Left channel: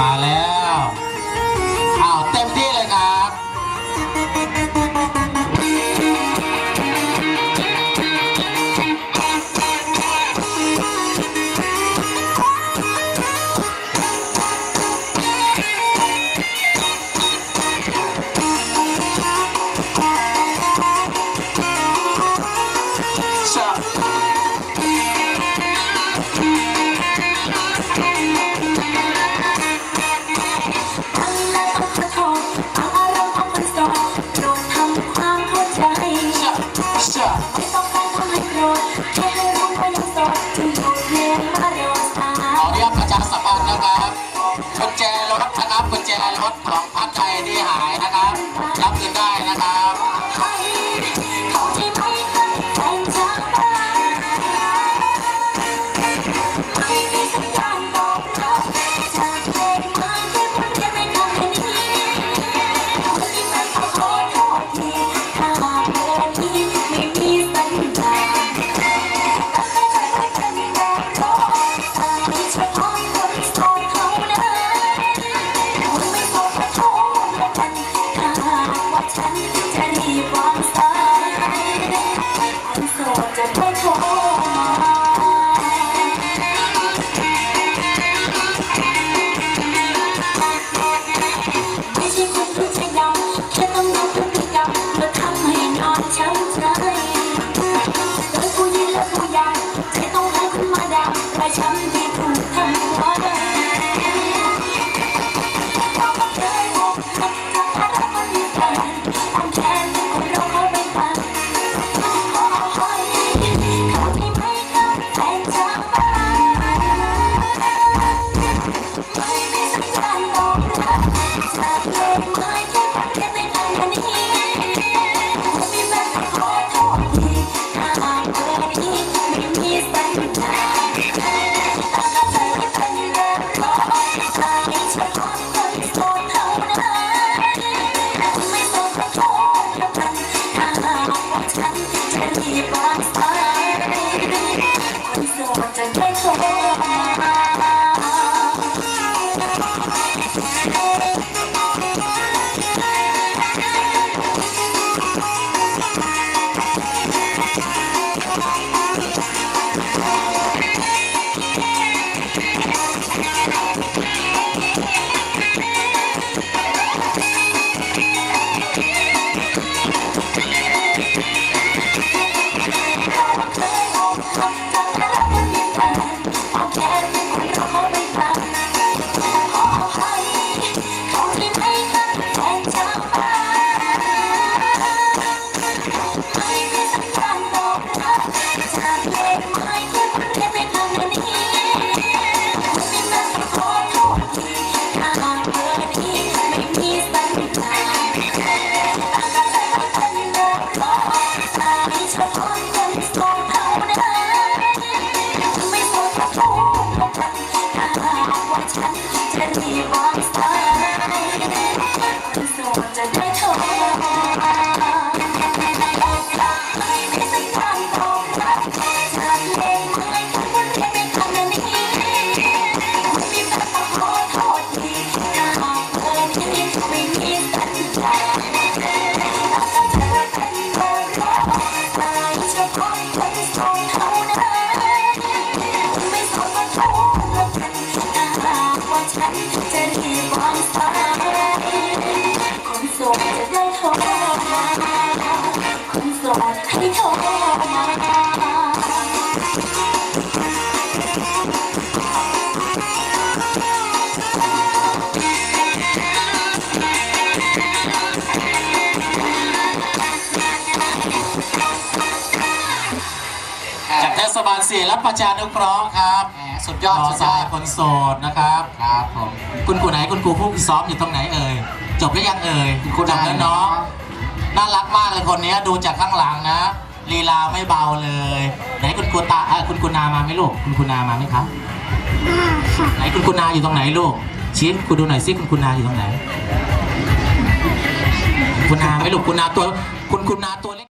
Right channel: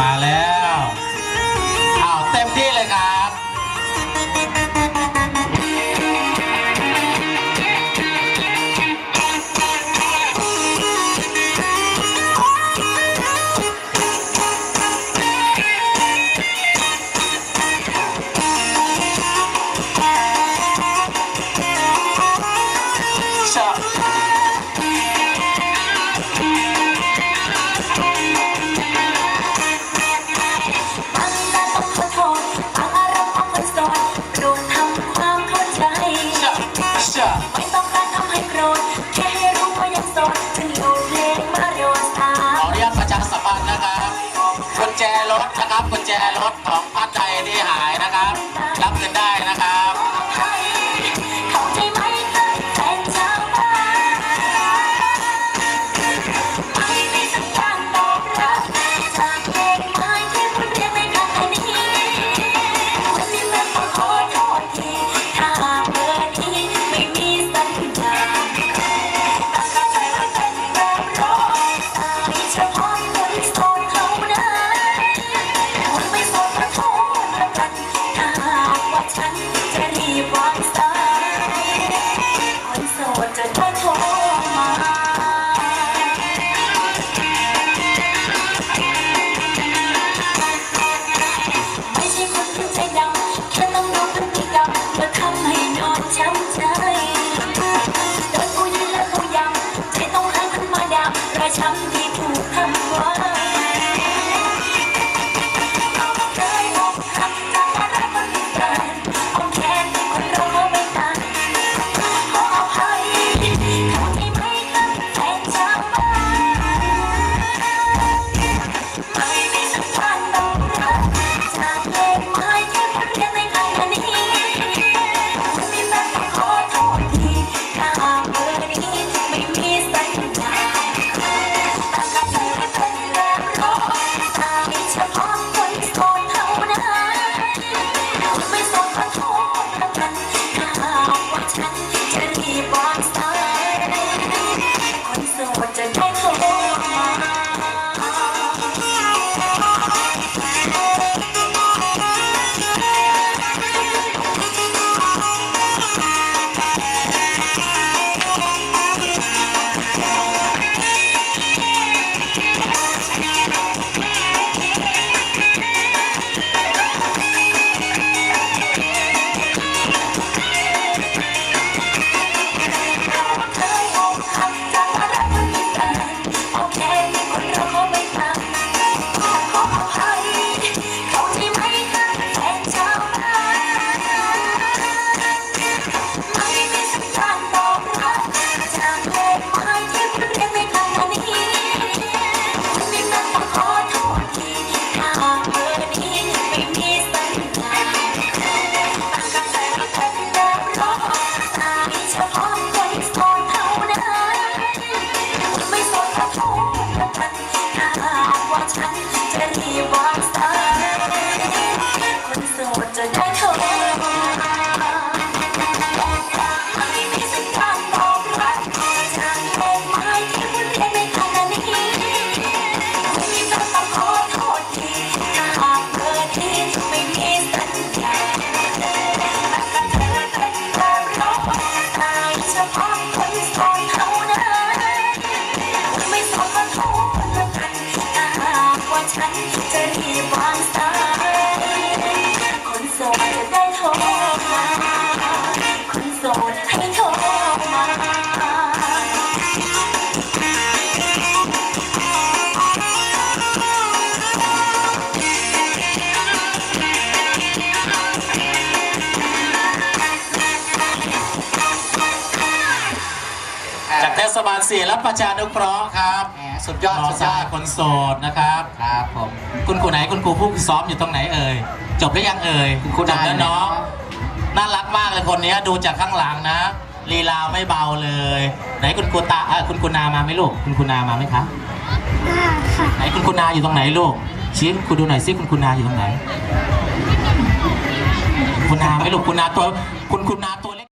มาแล้ว ไม่ใช่คนที่ใจดำแค่ต้องรู้บพฤติกรรมและทำให้นองช้ำใจโดยผู้หญิงและผู้ยังใจต้องให้ขึ้นมาดำราช้ำที่ถูกทำไว้ Thank you. จากเทศบาลสี่รับประชานุเคราะห์ครับสุดยอดหมสุดยอดคนโสดนะครับ ครับผม คุณครูไหนคุณครูผู้ซ้อมอยู่ตรงไหนเอ่ยจบหรือยังเอ่ยครูไบแล้เนาะน่ารักมากเลยคนนี้ดูจากข้างหลังนะลีลาไม่เบาเลย ไหนคุณครูตาคุณครูนามาไหมลูกคุณครูนามาไหมครับไหนคุณครูนาอยู่ตรงไหนลูกชี้คุณครูดูหน่อยซิคุณครูนาอยู่ตรงไหนคุณนาไหมลูกคุณนาตัวคุณครูนาตัวเล็ก